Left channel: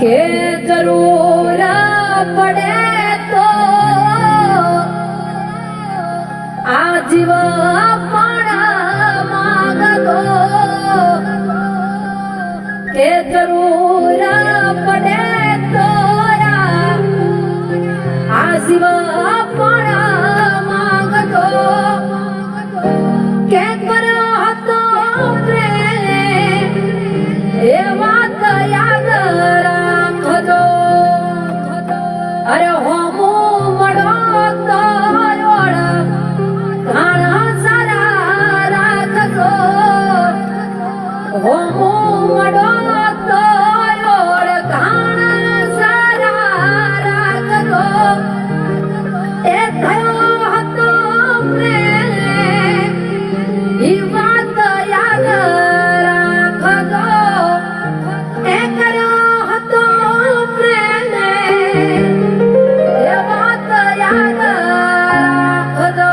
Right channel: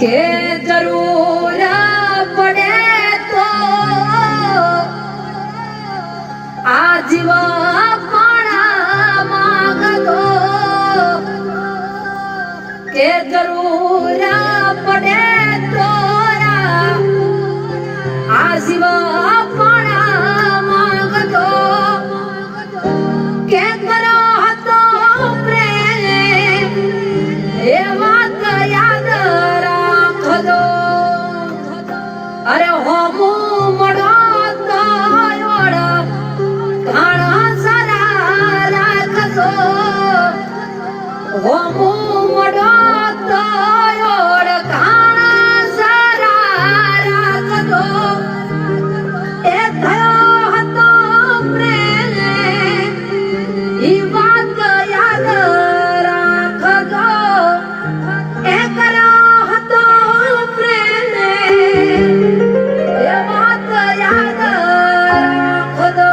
કે જરૂર પડે તો આ જીવ પણ માંગતો કે જરૂર પડે તો આ જીવ પણ માંગતો કે કરો હતો પ્રેમ એ વાત યાદ રાખજો અરે હોમો મળો તો ઘણા સારા રાખજો હોમો મળો તો ઘણા સારા રાખજો એ થયો હતો પ્રેમ ઈ વાત યાદ રાખજો એ કર્યો હતો પ્રેમ એ વાત યાદ રાખજો